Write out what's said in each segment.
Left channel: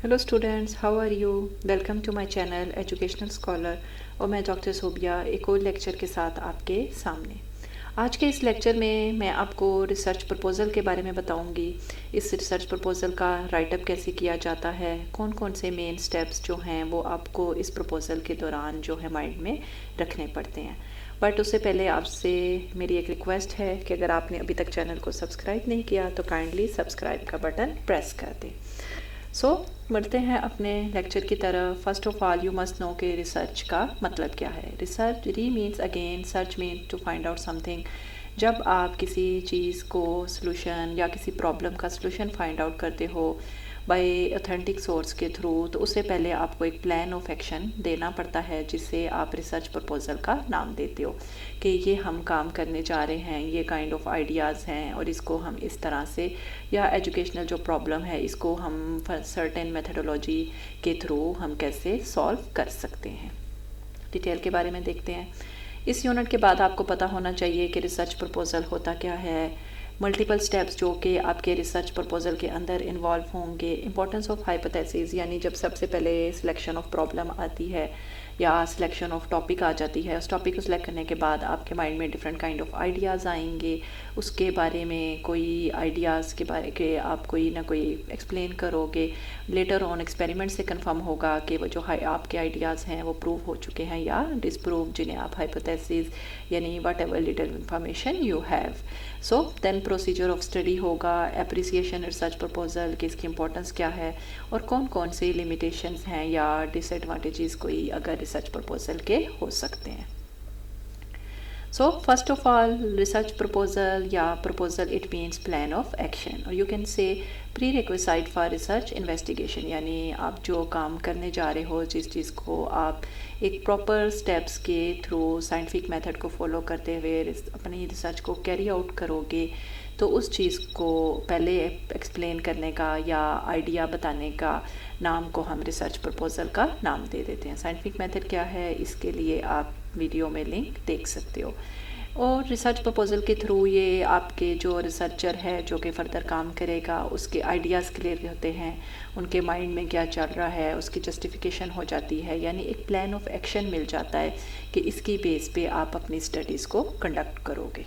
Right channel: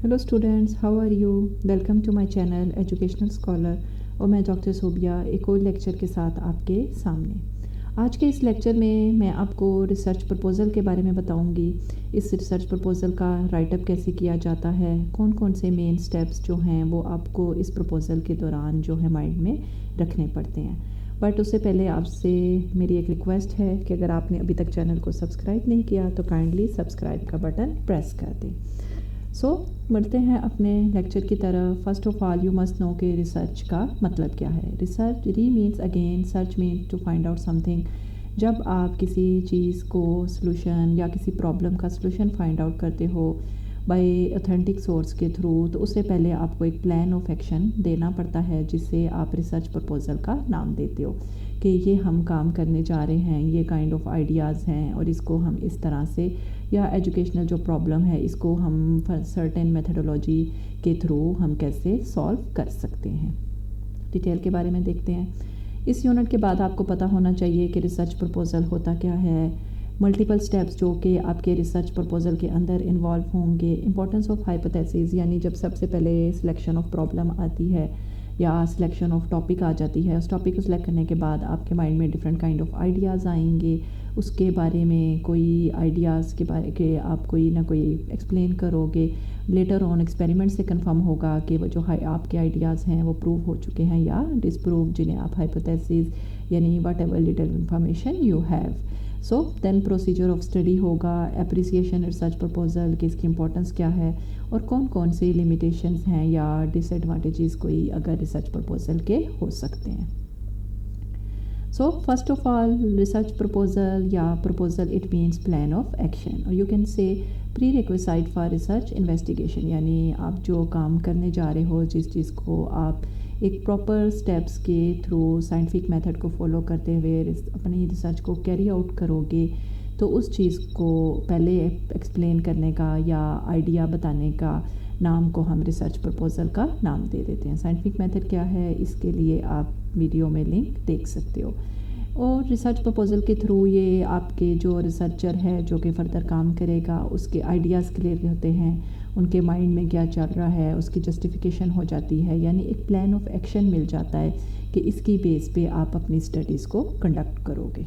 Hello students, how are you? Welcome to my channel educational scholar. और मैं doctor Sobia एक और लेक्चर के साथ आपके सामने। आज के इस लेक्चर में मैं आपको रिसर्च प्रपोज़ल के बारे में बताऊंगी। इस रिसर्च प्रपोज़ल का राइटअप कैसे किया जाता है, कौन कौन से मेन स्टेप्स जो हैं वो आपको इस प्रपोज़ल के दौरान जो है माइंड में रखने पड़ते हैं। बट उससे पहले आपसे मेरी एक रिक्वेस्ट है कि अगर आपने अभी तक चैनल को सब्सक्राइब नहीं किया तो काइंडली सब्सक्राइब का बटन प्रेस कर दें। बढ़ते हैं अपने लेक्चर की तरफ। First of all you must know कि रिसर्च का मतलब क्या है। Research means again, search means to find out something. जब आप किसी चीज़ को सॉल्यूशन या किसी प्रॉब्लम का सॉल्यूशन फाइंड आउट करते हो बाय ऑथेंटिक सोर्स के थ्रू, तो उससे पहले आपको एक प्लान ऑफ एक्शन देना पड़ता है जिसे आप रिसर्च प्रपोज़ल का नाम देते हो कि ये हम काम करने जा रहे हैं, ये काइंड ऑफ आइडियाज़ हैं और इसको हम इस तरह से, या एजुकेशनल जो प्रॉब्लम है इसको हम सर्टेन मेथडोलॉजी के थ्रू हम कैसे सॉल्व कर सकते हैं। डिटेल के बारे में देखते हैं। इस यूनिट के बाद आपको पता होना चाहिए कि रिसर्च प्रपोज़ल होता क्या है, मल्टीपल स्टेप्स जो कि आपके रिसर्च प्रपोज़ल के अंदर इन्वॉल्व होंगे, इंपॉर्टेंस ऑफ हाइपोथेसिस यानी जब सबसे पहले सिलेक्शन ऑफ प्रॉब्लम आती है या सिलेक्शन ऑफ टॉपिक आ जाती है, उस टॉपिक को सिलेक्ट करने के बाद आपके माइंड में डिफरेंट काइंड ऑफ आइडियाज़ आएंगे, उसके बारे में कोई आइडियाज़ के बारे के आप कोई ना कोई एक्सप्लेन करोगे। लेटर ऑन एक्सपेरिमेंट से कंफर्म होगा कि वो जो आपके आइडियाज़ हैं वो प्रूव हो चुके हैं या डिसप्रूव, जिन्हें आप हाइपोथेसिस यानी whatever little information you have. Then procedure of study होगा, एप्रिसिएशन रिसर्च प्रपोज़ल कि इसकी इंपॉर्टेंस क्या है और कौन कौन से लिमिटेशंस हैं या डिसएडवांटेजेस कोई अगर रिसर्च प्रपोज़ल के हो सकते हैं। First of all research proposal या proposal it means plan of action, और you can say prerequisite for research investigation, यानी आप जो काम करने जा रहे हो, जिस चीज़ को आप एक प्रॉपर स्टेप्स के थ्रू साइंटिफिक मेथड को फॉलो करते हुए अपनी रिसर्च को कैरी आउट करोगे, तो उस चीज़ को पहले एक्सप्लेन करने का या आइडिया बताने का नाम को हम रिसर्च प्रपोज़ल का नाम दे देते हैं। साइंटिफिक मेथड क्या है, इसके लिए आप वीडियो में लिंक देख सकते हो। और रिसर्च प्रपोज़ल के थ्रू ये आपके जो रिसर्चर है जो कि फ़र्दर काम करेगा, उसके आइडियाज़ क्लियर होते हैं, उनके माइंड में क्या चल रहा है उसकी जस्टिफिकेशन हो जाती है, यानी एक प्लान ऑफ एक्शन मिल जाता है कि इसकी बेस पे आप अपनी स्टडीज़ को कंडक्ट करोगे।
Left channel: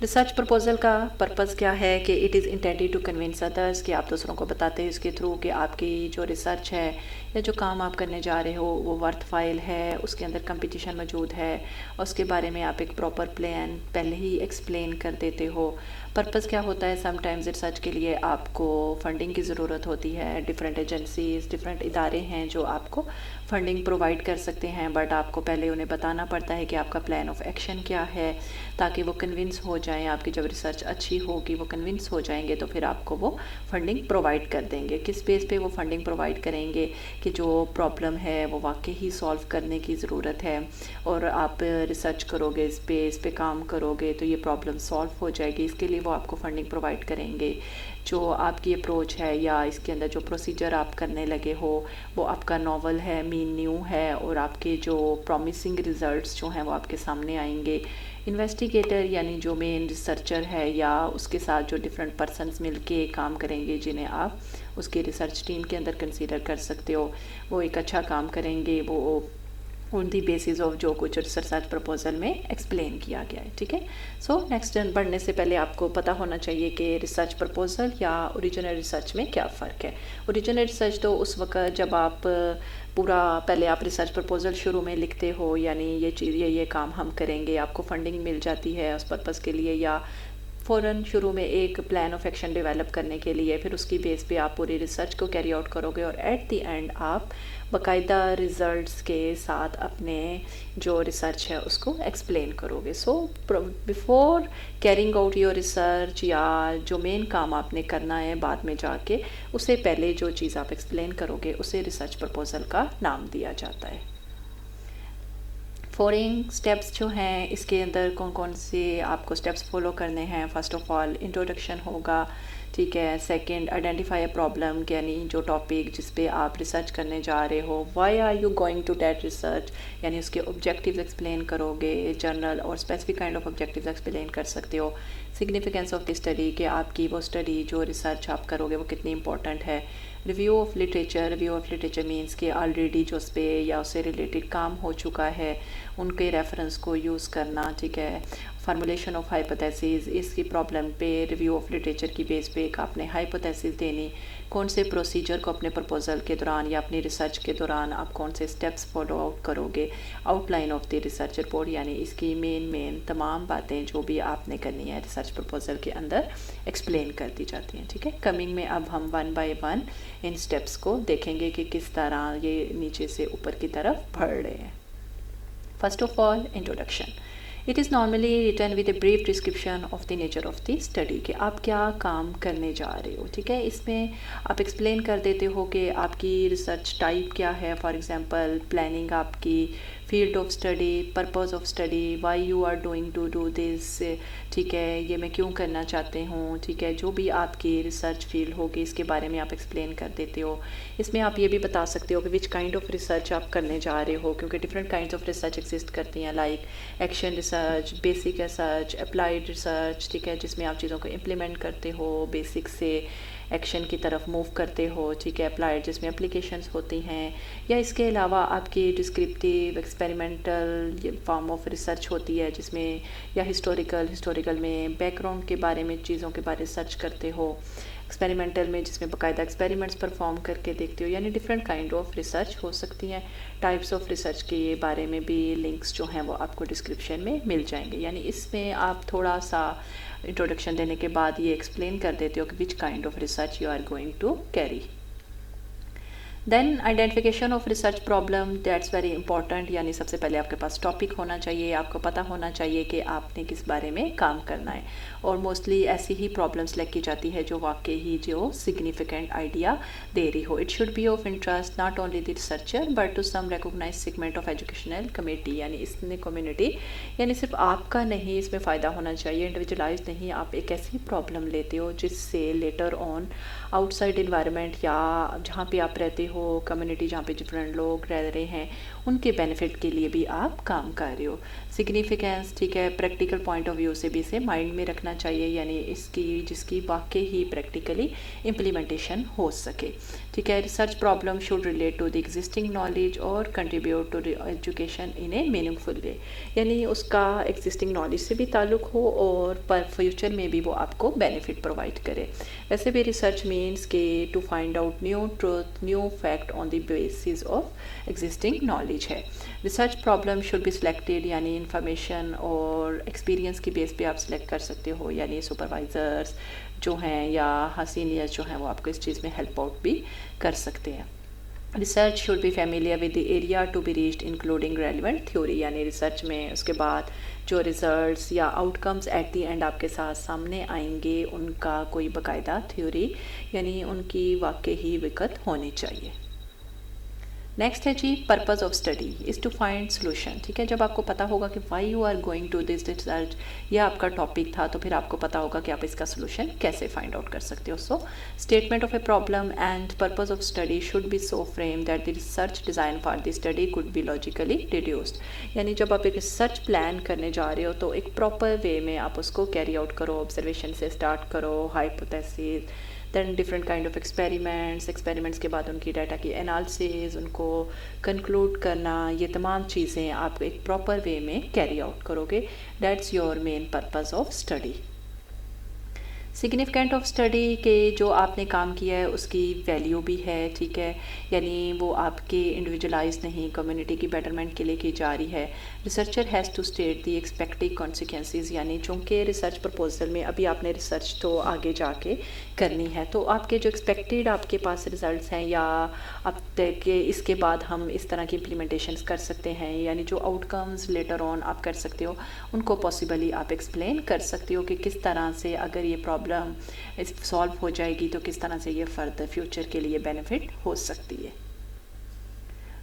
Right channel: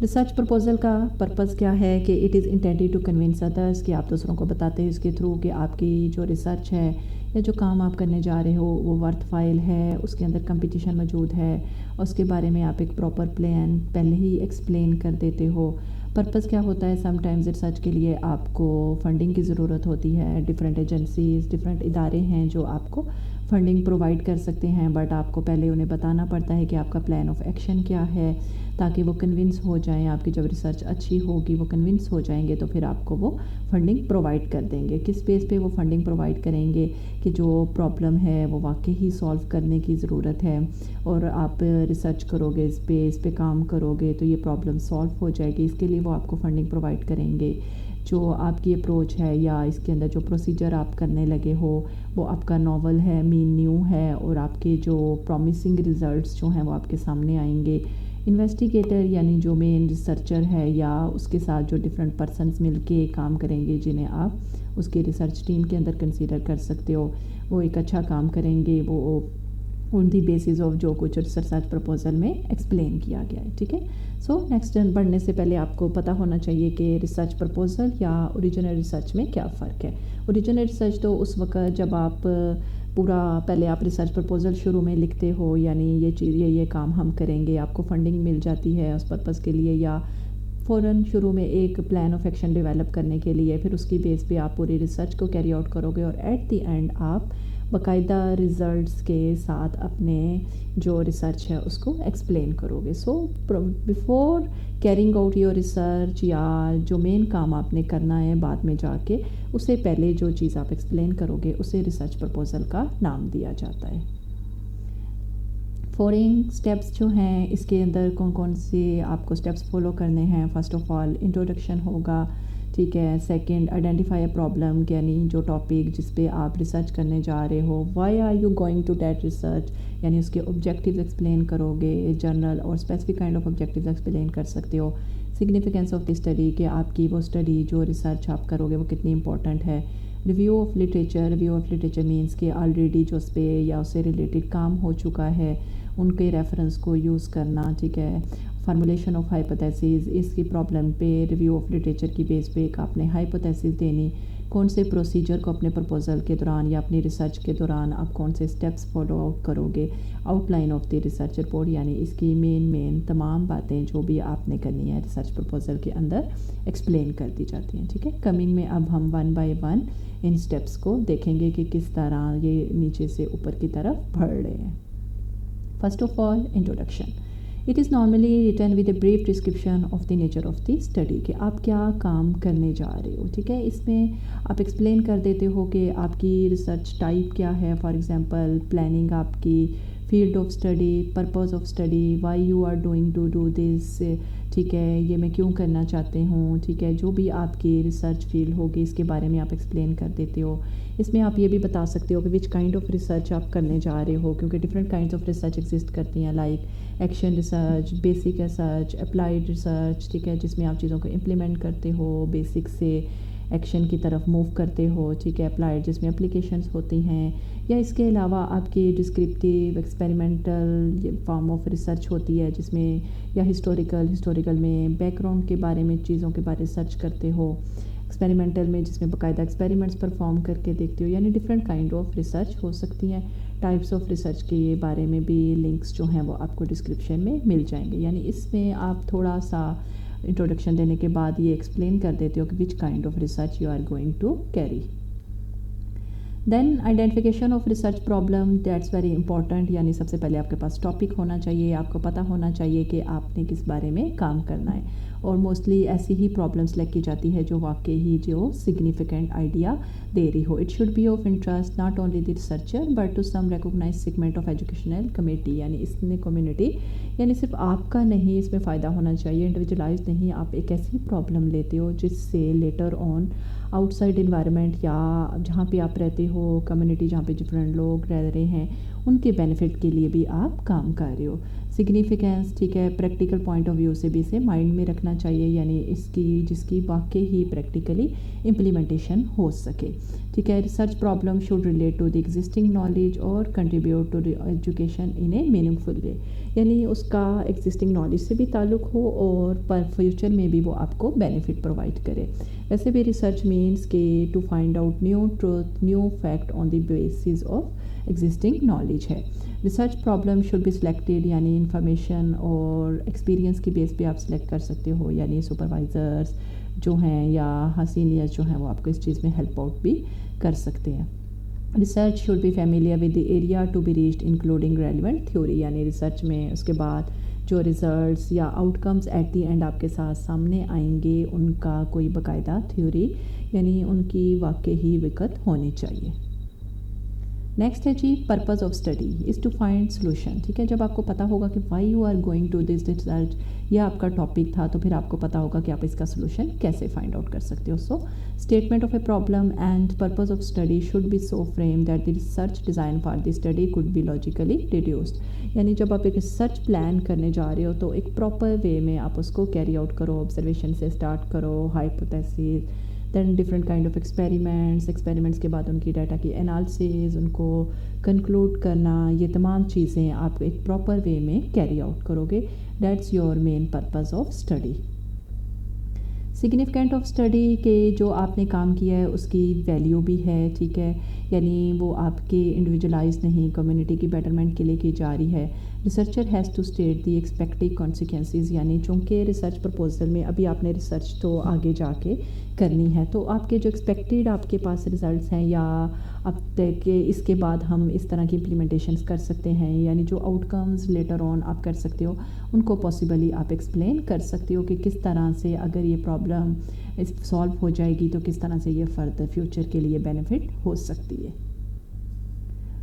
रिसर्च प्रपोज़ल का पर्पज़ क्या है कि it is intended to convince others, कि आप दूसरों को बताते हैं इसके थ्रू कि आपकी जो रिसर्च है या जो काम आप करने जा रहे हो वो वर्थ फाइल है, उसके अंदर कंपटीशन मौजूद है, और उसके बारे में आप एक प्रॉपर प्लान पहले ही एक्सप्लेन कर देते हो। पर्पज़ क्या होता है, समटाइम्स रिसर्च के लिए आपको फंडिंग की ज़रूरत होती है, डिफरेंट एजेंसीज़, डिफरेंट इदारे हैं जो आपको फंडिंग प्रोवाइड कर सकते हैं, बट आपको पहले उन्हें बताना पड़ता है कि आपका प्लान ऑफ एक्शन क्या है, ताकि वो कन्विंस हो जाएं। आपकी जब रिसर्च अच्छी होगी, वो कन्विंस हो जाएंगे, तो फिर आपको वो फंडिंग प्रोवाइड कर देंगे। किस बेस पे वो फंडिंग प्रोवाइड करेंगे कि जो प्रॉब्लम है वो वाकई ही सॉल्व करने की ज़रूरत है, और आप रिसर्च करोगे, इस पे काम करोगे तो ये प्रॉब्लम सॉल्व हो जाएगी, इसके लिए वो आपको फंडिंग प्रोवाइड करेंगे। जो आपकी अप्रोच है या इसके अंदर जो प्रोसीजर आप करने लगे हो वो आपका नॉवल है, मीन न्यू है, और आपके जो प्रॉमिसिंग रिज़ल्ट्स जो हैं वो आपके सामने आएंगे। इन्वेस्टिगेटर यानी जो मेन रिसर्चर है या उसके साथ जो डिफरेंट पर्सनस मिलके काम करेंगे, जिन्हें आप उसकी रिसर्च टीम के अंदर कंसीडर कर सकते हो, वो एक अच्छा काम करेंगे, वो ऑन दी बेसिस ऑफ जो कुछ रिसर्च प्रपोज़ल में एक्सप्लेन किया गया है। ठीक है। नेक्स्ट बढ़ने से पहले आपको पता होना चाहिए कि रिसर्च प्रपोज़ल या ओरिजिनल रिसर्च में क्या फ़र्क है। ओरिजिनल रिसर्च तो उस वक्त जब आप पूरा पहले आप रिसर्च प्रपोज़ल शुरू में लिखते हो, यानी ये चीज़ ये काम हम करेंगे, आपको फंडिंग मिल जाती है उस पर्पज़ के लिए, या फ़ौरन शुरू में एक प्लान ऑफ एक्शन डेवलप करने के लिए, फिर उसकी बेस पे आप पूरी रिसर्च को कैरी आउट करोगे और एट द एंड आप बाकायदा रिज़ल्ट्स के साथ अपने जो रिसर्च है उसको एक्सप्लेन करोगे। Before carrying out your research या जो मेन काम आपने करना है बाद में जाके, उससे पहले जो चीज़ आप एक्सप्लेन करोगे उसे रिसर्च प्रपोज़ल का नाम दिया जाता है। फॉलोइंग स्टेप्स जो हैं इसके अंदर कौन कौन से आपको स्टेप्स फॉलो करने हैं। फर्स्ट ऑफ ऑल इंट्रोडक्शन होगा, ठीक है। सेकंड, आइडेंटिफाई अ प्रॉब्लम, यानी जो टॉपिक जिस पे आप रिसर्च करने जा रहे हो, why are you going to that research, यानी उसके ऑब्जेक्टिव्स एक्सप्लेन करोगे, जनरल और specific kind of objectives explain कर सकते हो। सिग्निफिकेंस ऑफ द स्टडी, कि आपकी वो स्टडी जो रिसर्च आप करोगे वो कितनी इंपॉर्टेंट है। रिव्यू ऑफ लिटरेचर मीन्स कि ऑलरेडी जो उस पर या उससे रिलेटेड काम हो चुका है उनके रेफरेंस को यूज़ करना, ठीक है। फार्मूलेशन ऑफ हाइपोथेसिस, इसकी प्रॉब्लम पे रिव्यू ऑफ लिटरेचर की बेस पे एक आपने हाइपोथेसिस देनी, कौन से प्रोसीजर को अपने प्रपोजल के दौरान या अपनी रिसर्च के दौरान आप कौन से स्टेप्स फॉलो आउट करोगे, outline of the research report, यानी इसकी मेन तमाम बातें जो भी आपने करनी है रिसर्च प्रपोजल के अंदर एक्सप्लेन कर दी जाती हैं, ठीक है। कमिंग में अब हम one by one in steps को देखेंगे कि किस तरह ये नीचे से ऊपर की तरफ बढ़ रहे हैं। First of all, introduction. It is normally written with a brief description of the nature of the study, कि आप क्या काम करने जा रहे हो, ठीक है। इसमें आप एक्सप्लेन कर देते हो कि आपकी रिसर्च टाइप क्या है, फॉर एग्जांपल प्लानिंग आपकी, field of study, purpose of study, why you are doing to do this, ठीक है, ये मैं क्यों करना चाहते हूँ, ठीक है। जो भी आपकी रिसर्च फील्ड होगी इसके बारे में आप एक्सप्लेन कर देते हो। इसमें आप ये भी बता सकते हो कि विच काइंड ऑफ रिसर्च आप करने जा रहे हो, क्योंकि different kinds of research exist करती हैं, like action research, basic research, applied research, ठीक है, जिसमें आप चीज़ों को इम्प्लीमेंट करते हो, बेसिक से एक्शन की तरफ मूव करते हो, ठीक है। अप्लाइड जिसमें एप्लीकेशंस होती हैं, या इसके अलावा आपकी descriptive experimental form of research होती है जिसमें, या हिस्टोरिकल में बैकग्राउंड के बारे में चीज़ों के बारे में सर्च करते हो, एक्सपेरिमेंटल में जिसमें बाकायदा एक्सपेरिमेंट्स परफॉर्म करके देखते हो, यानी डिफरेंट काइंड ऑफ रिसर्च हो सकती हैं। टाइप्स ऑफ रिसर्च के बारे में भी लिंक्स जो हैं वो आपको डिस्क्रिप्शन में मिल जाएंगे, यानी इसमें आप थोड़ा सा इंट्रोडक्शन देने के बाद ये एक्सप्लेन कर देते हो कि which kind of research you are going to carry. Then identification of research problem, that's very important, यानी सबसे पहले आपके पास टॉपिक होना चाहिए, आपको पता होना चाहिए कि आपने किस बारे में काम करना है, और मोस्टली ऐसी ही प्रॉब्लम सेलेक्ट की जाती है जो वाकई ही जो सिग्निफिकेंट आइडिया दे रही हो। It should be of interest not only the researcher but to some recognise segment of educational committee, यानी इसमें कम्युनिटी, यानी सिर्फ आपका नहीं इसमें फ़ायदा होना चाहिए, इंडिविजुअलाइज नहीं। आप एक ऐसी प्रॉब्लम लेते हो जिससे लेटर ऑन आउटसाइड इन्वायरमेंट या जहाँ पे आप रहते हो, कम्युनिटी जहाँ पे डिफरेंट लोग रह रहे हैं, उनके बेनिफिट के लिए भी आप काम कर रहे हो। सिग्निफिकेंस, ठीक है, प्रैक्टिकल पॉइंट ऑफ व्यू से भी इसे माइंड में रखना चाहिए, यानी इसकी जिसकी वाकई ही प्रैक्टिकली इम्प्लीमेंटेशन हो सके, ठीक है। Research problem should relate to the existing knowledge और contribute to the education in a meaningful way, यानी उसका एग्जिस्टिंग नॉलेज से भी ताल्लुक़ हो और पर फ्यूचर में भी वो आपको बेनिफिट प्रोवाइड करे। वैसे भी रिसर्च मीन्स के to find out new truth, new fact on the basis of existing knowledge है। Research problem should be selected, यानी इंफॉर्मेशन और एक्सपीरियंस की बेस पे आप सिलेक्ट कर सकते हो, यानी सुपरवाइज़र्स जो हैं या सीनियर्स जो हैं वो आपको इस चीज़ में हेल्प आउट भी कर सकते हैं। Research should be familiar with the area to be reached including relevant theory, यानी रिसर्च में उसके बाद जो रिजल्ट्स या आउटकम्स एट दी एंड आपके साथ सामने आएंगे उनका कोई बाकायदा थ्योरी, यानी उनकी वाकई ही विकत होनी चाहिए। नेक्स्ट है जी, purpose of study is to find solution, ठीक है। जब आपको पता होगा कि why you are going to this research, यह आपका टॉपिक था, तो फिर आपको पता होगा कि आप इसका सोल्यूशन कैसे फाइंड आउट कर सकते हो। So statement of a problem and purpose of study should be so frame that the research design for the study could be logically deduced, यानी जब आप एक रिसर्च प्लान करने जा रहे हो तो एक प्रॉपर वे में आप उसको कैरी आउट करो, ऑब्जर्वेशन से स्टार्ट करो, hypothesis, then different kind of experiments के बाद उनकी डाटा की एनालिसिस, उनको कंक्लूड करना, ये तमाम चीज़ें आप एक प्रॉपर वे में कैरी आउट करोगे। That's your main purpose of study. Significant of study के जो आपने काम किया है उसकी वैल्यू भी है, ठीक है, यानी वो आपके इंडिविजुअलाइज नहीं कम्युनिटी की बेटरमेंट के लिए की जा रही है। Researcher has to state the expected consequences, यानी चूँकि रिसर्च प्रपोजल में अभी आपने रिसर्च तो आगे जाके करनी है, तो आपके जो एक्सपेक्टेड आपके पास रिजल्ट्स हैं या अब तक के इसके बाद हम इस तरह की इम्प्लीमेंटेशंस कर सकते हैं, यानी जो आउटकम्स लेटर ऑन आप कर सकते हो उनको पॉसिबली आप एक्सप्लेन कर सकते हो कि किस तरह से अगर ये प्रॉब्लम सॉल्व हो जाएगी तो किस तरह से ये फर्दर फ्यूचर के लिए बेनिफिट हो सकती है।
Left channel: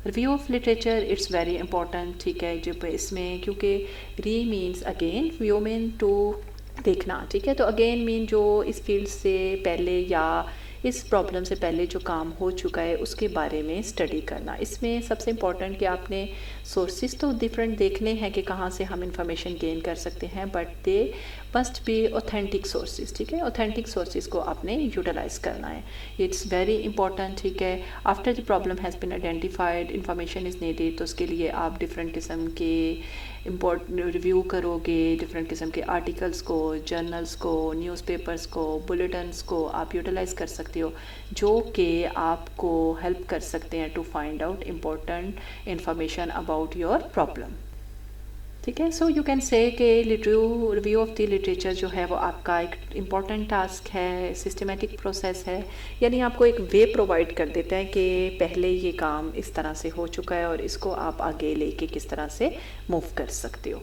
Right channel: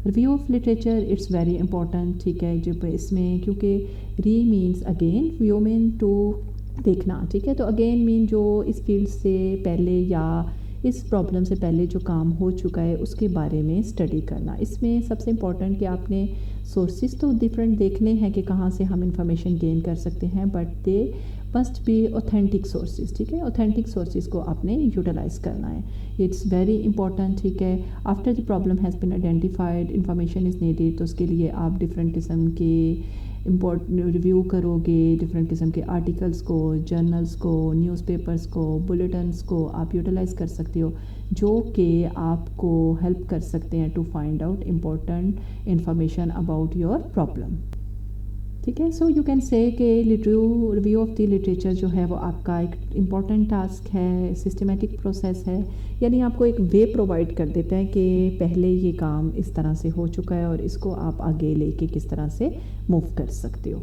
Review of literature it's very important, ठीक है, जब इसमें क्योंकि re means again, view mean to देखना, ठीक है, तो अगेन मीन जो इस फील्ड से पहले या इस प्रॉब्लम से पहले जो काम हो चुका है उसके बारे में स्टडी करना। इसमें सबसे इम्पॉर्टेंट कि आपने सोर्सेज तो डिफरेंट देखने हैं कि कहाँ से हम इंफॉर्मेशन गेन कर सकते हैं, but they must be authentic sources, ठीक है। ऑथेंटिक सोर्सेज को आपने यूटिलाइज़ करना है, इट्स वेरी इंपॉर्टेंट, ठीक है। After the problem has been identified, information is needed, तो उसके लिए आप डिफरेंट किस्म के रिव्यू करोगे, डिफरेंट किस्म के आर्टिकल्स को, जर्नल्स को, न्यूज़पेपर्स को, बुलेटिन्स को आप यूटिलाइज़ कर सकते हो, जो कि आपको हेल्प कर सकते हैं to find out important information about your problem, ठीक है। सो यू कैन से कि रिव्यू ऑफ द लिटरेचर जो है वो आपका एक इम्पॉर्टेंट टास्क है, सिस्टमेटिक प्रोसेस है, यानी आपको एक वे प्रोवाइड कर देता है कि पहले ये काम इस तरह से हो चुका है और इसको आप आगे लेके किस तरह से मूव कर सकते हो।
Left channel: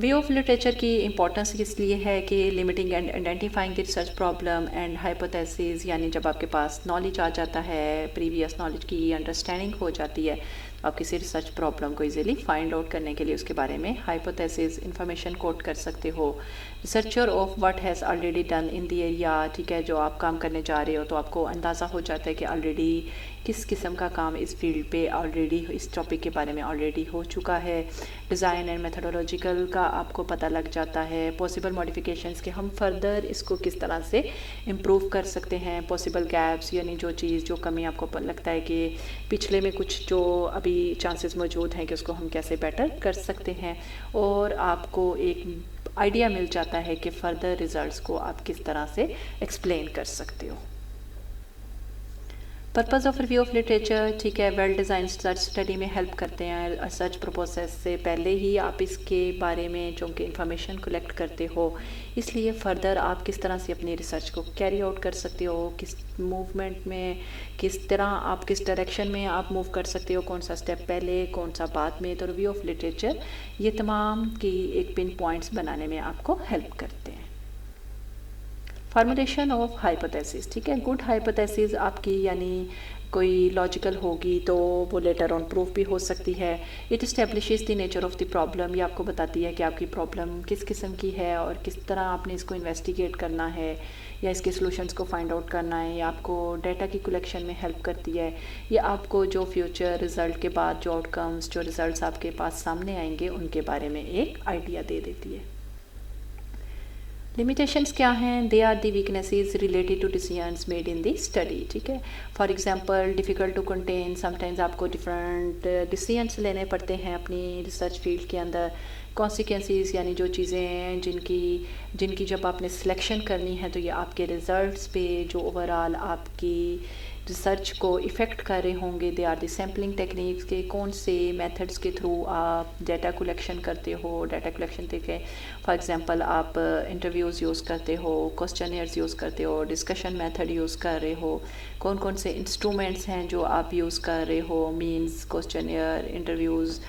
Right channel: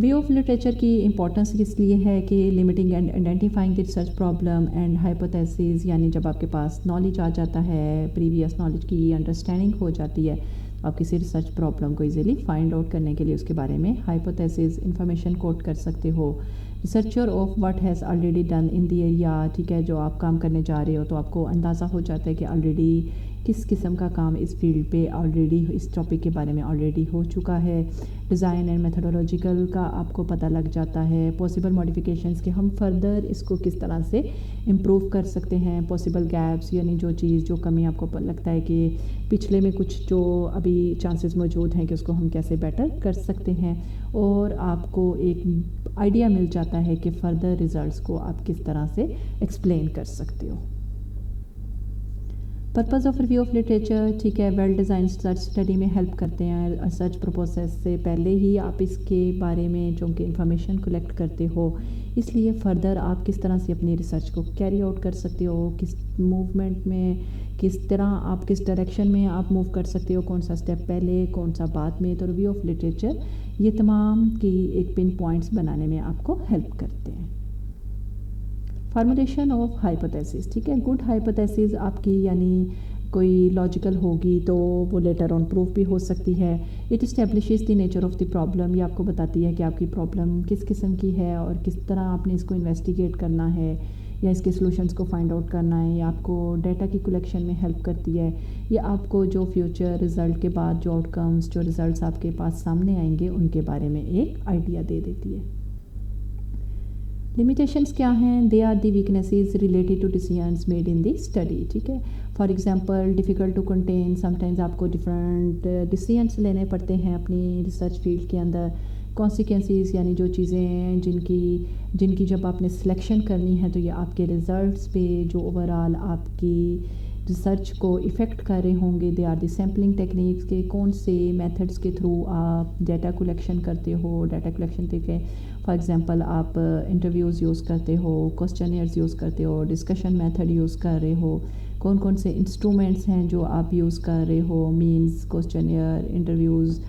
वे ऑफ लिटरेचर की इंपॉर्टेंस इसलिए है कि limiting and identifying the research problem and hypothesis, यानी जब आपके पास नॉलेज आ जाता है, प्रीवियस नॉलेज की अंडरस्टैंडिंग हो जाती है, आप किसी रिसर्च प्रॉब्लम को इजीली फाइंड आउट करने के लिए उसके बारे में हाइपोथेसिस इंफॉर्मेशन कोट कर सकते हो। Researcher of what has already done in the area, ठीक है, जो आप काम करने जा रहे हो तो आपको अंदाज़ा हो जाता है कि ऑलरेडी किस किस्म का काम इस फील्ड पे ऑलरेडी, इस टॉपिक के बारे में ऑलरेडी हो चुका है। डिज़ाइन एंड मेथोडोलॉजिकल का आपको पता लग जाता है। पॉसिबल मॉडिफिकेशंस के हम फर्दर इसको किस तरह से इम्प्रूव कर सकते हैं। पॉसिबल गैप्स, यानी जो चीज़, जो कमी आपको लगता है कि पिछले में कुछ जो अभी चांसेस मौजूद हैं कि उसको हम कैसे बेटर कर सकते हैं, और आपको एक आइडिया मिल जाता है कि फ़र्दर रिज़ल्ट्स को आप किस तरह से एक्सप्लेन कर सकते हो। Purpose of review of literature, ठीक है, वेल डिज़ाइन सर्च स्टडी में हेल्प करते हैं। सर्च प्रोसेस से पहले ही आप इसके बारे में चूँकि इंफॉर्मेशन कलेक्ट करते हो, इसलिए फ़र्दर आप किस तरह से अपनी रिसर्च को कैरी आउट कर सकते हो, किस मूवमेंट में, किस तरह आप किस डायरेक्शन में आप मूव कर सकते हो, कौन सा स्टेप पहले, कौन सा बाद में। तो रिव्यू ऑफ लिटरेचर ये तमाम की एक पिन पॉइंट्स बनाने में आपको हेल्प करते हैं। फार्मुलेशन ऑफ हाइपोथेसिस, ठीक है, गुड हाइपोथेसिस आपकी यानी कोई लॉजिकल होगी तो वो लेटर ऑन प्रूफ भी हो सकती है। It establishes the nature of the problem, ये आपको बताती है कि आपकी प्रॉब्लम किस किस्म की है और किस तरह आपने इसको इन्वेस्टिगेट करना है या इसके सॉल्यूशंस को फाइंड आउट करना है। या आपको डाटा की कलेक्शन में हेल्प करती है, या आपको जो फ्यूचर रिज़ल्ट के बाद जो आउटकम्स, जो रिज़ल्ट्स आपके पास सामने आएंगे उनके बारे में एक आइडिया दे देती है। लिमिटेशंस क्या हैं? They are the weaknesses related to decisions made in the study, ठीक है। For example difficult to contain, sometimes आपको डिफरेंट डिसीजंस लेने पड़ते हैं अपनी रिसर्च फील्ड के अंदर। कॉन्सिक्वेंसेस, यानी जो चीज़ें जिनकी जब आपने सिलेक्शन करनी है तो ये आपके रिज़ल्ट्स पे, जो ओवरऑल आपकी रिसर्च को इफ़ेक्ट कर रहे होंगे। They are the sampling techniques, के कौन से मेथड्स के थ्रू आप डाटा कलेक्शन करते हो। डाटा कलेक्शन के फॉर एग्जांपल आप इंटरव्यूज़ यूज़ करते हो, क्वेश्चनियर्स यूज़ करते हो, डिस्कशन मेथड यूज़ कर रहे हो, कौन कौन से इंस्ट्रूमेंट्स हैं जो आप यूज़ कर रहे हो, मीन्स क्वेश्चनियर, इंटरव्यूज़,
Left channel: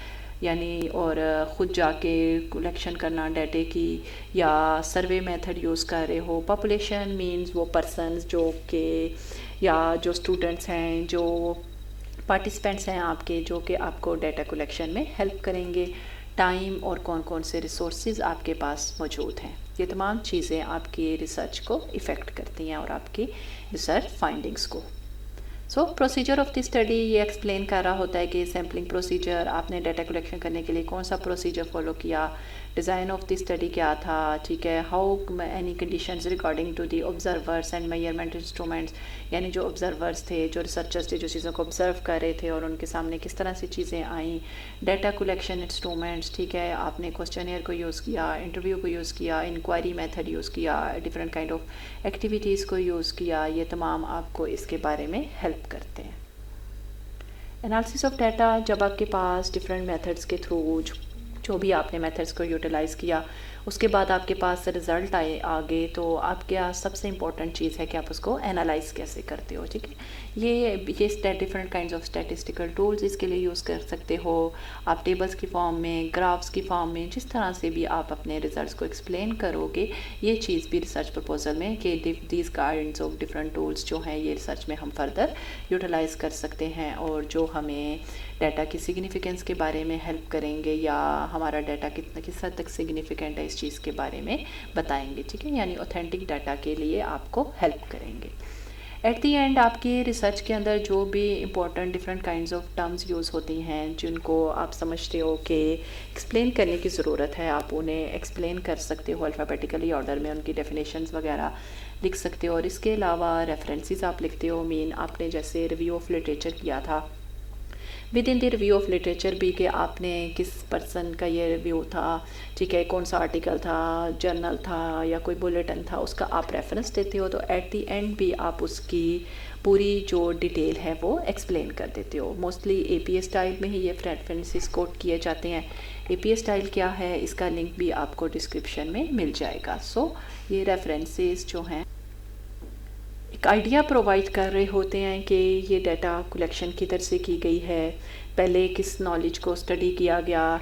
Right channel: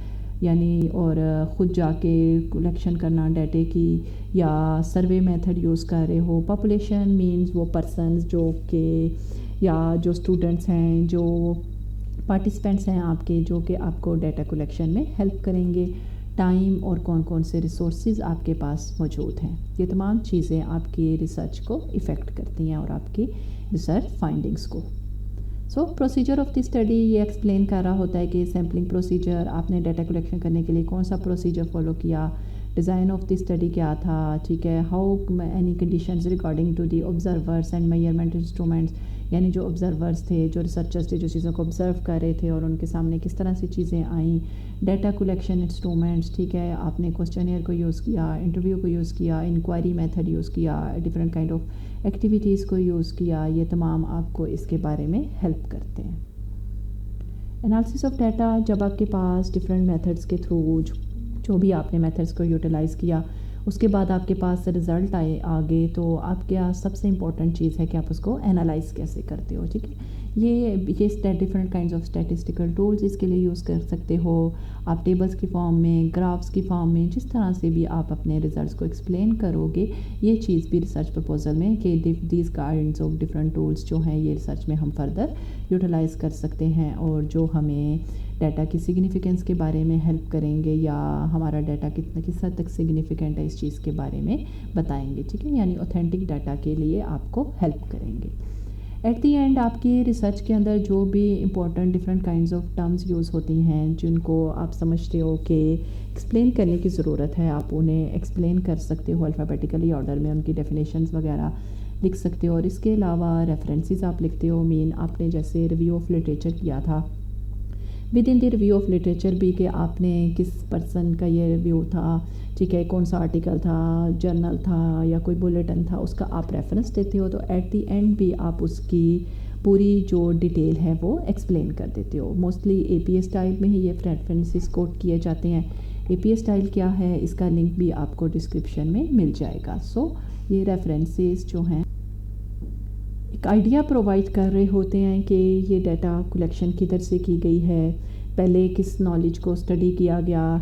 यानी और ख़ुद जाके कलेक्शन करना डाटे की, या सर्वे मेथड यूज़ कर रहे हो। पॉपुलेशन मीन्स वो पर्सनस जो के, या जो स्टूडेंट्स हैं, जो पार्टिसिपेंट्स हैं आपके, जो कि आपको डाटा कलेक्शन में हेल्प करेंगे। टाइम और कौन कौन से रिसोर्सेज आपके पास मौजूद हैं, ये तमाम चीज़ें आपकी रिसर्च को इफ़ेक्ट करती हैं और आपकी रिसर्च फाइंडिंग्स को। So procedure of the study ये एक्सप्लेन कर रहा होता है कि सैम्पलिंग प्रोसीजर, आपने डाटा कलेक्शन करने के लिए कौन सा प्रोसीजर फॉलो किया। डिज़ाइन ऑफ द स्टडी क्या था, ठीक है। How any conditions regarding to the observers and measurement instruments, यानी जो ऑब्जर्वर्स थे, जो रिसर्चर्स थे, जो चीज़ों को ऑब्जर्व कर रहे थे और उनके सामने किस तरह से चीज़ें आईं। डाटा कलेक्शन इंस्ट्रूमेंट्स, ठीक है, आपने क्वेश्चनियर को यूज़ किया, इंटरव्यू को यूज़ किया, इंक्वायरी मेथड यूज़ किया, डिफरेंट काइंड ऑफ एक्टिविटीज़ को यूज़ किया। ये तमाम आपको इसके बारे में हेल्प करते हैं। एनालिसिस ऑफ डाटा, जब आपके पास डिफरेंट मेथड्स के थ्रू जो भी आपने मेथड्स को यूटिलाइज़ किया, उसके बाद आपके पास रिज़ल्ट आगे, तो आपके यहाँ सबसे इम्पॉर्टेंट चीज़ है कि आप उसको एनालाइज़ कैसे करते हो, ठीक है। ये different kinds of statistical tools इसके लिए यूज़ कर सकते हो। आप टेबल्स की फॉर्म में, ग्राफ्स की फॉर्म में, जिस तरह से भी आप अपने रिजल्ट्स को एक्सप्लेन करोगे, ये चीज़ भी रिसर्च प्रपोजल में कि these kinds of different tools जो हैं ये रिसर्च में हम फर्दर यूटिलाइज़ कर सकते हैं, और जो हमें डाटा की सिग्निफिकेंस के बारे में हेल्प करेंगे, या हमारा डाटा किस हद तक सिग्निफिकेंट है इस चीज़ के बारे में बताएंगे, ठीक है, यानी ऑथेंटिक डाटा के लिए आपको हेल्प करेंगे। ایٹ دی اینڈ آپ کی ریسرچ کے اندر جو بھی important different kinds of terms use ہوتی ہیں جن کو آپ سمجھتے ہو کہ ایکسپلین کرنے کی ضرورت ہے، آپ انہیں ایکسپلین کر سکتے ہو الفابیٹیکلی آرڈر میں، ان کی ڈیفینیشنز وغیرہ لکھ سکتے ہو، اور اس کے علاوہ ریفرنسز آپ لکھتے ہو. آپ نے جیسے ریویو آف لٹریچر کیا تھا، with in the review of literature بھی کہ آپ نے کس پرسن کا یہ ریویو تھا، ٹھیک ہے، کون سا آرٹیکل تھا، جرنل تھا یا کوئی بلیٹن تھا، اس کا آپ ریفرنس دیتے ہو. تو ایٹ دی اینڈ بھی آپ اس کی پوری جو ڈیٹیل ہے وہ ایکسپلین کر دیتے ہو. Mostly a P a style میں ہی یہ ریفرنسز کوٹ کیے جاتے ہیں. اے پی اے اسٹائل کیا ہے، اس کا لنک بھی آپ کو ڈسکرپشن میں مل جائے گا. سو یہ ریفرنسز جو ہیں ایک آئیڈیا پرووائڈ کر رہے ہوتے ہیں کہ یہ ڈیٹا کلیکشن کدھر سے کی گئی ہے، پہلے کس نالج کو اسٹڈی کیا گیا،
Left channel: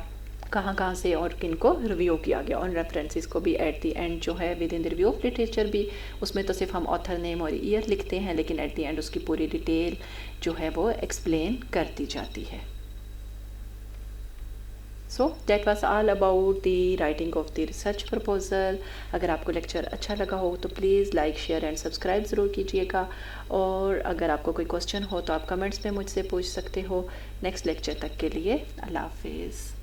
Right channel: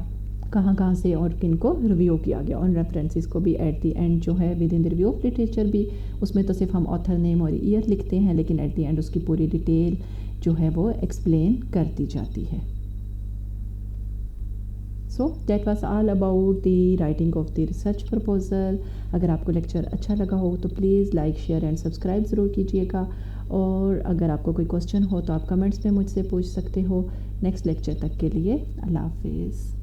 کہاں سے اور کن کو ریویو کیا گیا. اور ریفرنسز کو بھی ایٹ دی اینڈ جو ہے with in the review of literature بھی، اس میں تو صرف ہم آتھر نیم اور ایئر لکھتے ہیں، لیکن ایٹ دی اینڈ اس کی پوری ڈیٹیل جو ہے وہ ایکسپلین کر دی جاتی ہے. So that was all about the writing of the research proposal. اگر آپ کو لیکچر اچھا لگا ہو تو please like, share and subscribe ضرور کیجیے گا، اور اگر آپ کو کوئی کوسچن ہو تو آپ کمنٹس میں مجھ سے پوچھ سکتے ہو. نیکسٹ لیکچر تک کے لیے اللہ حافظ.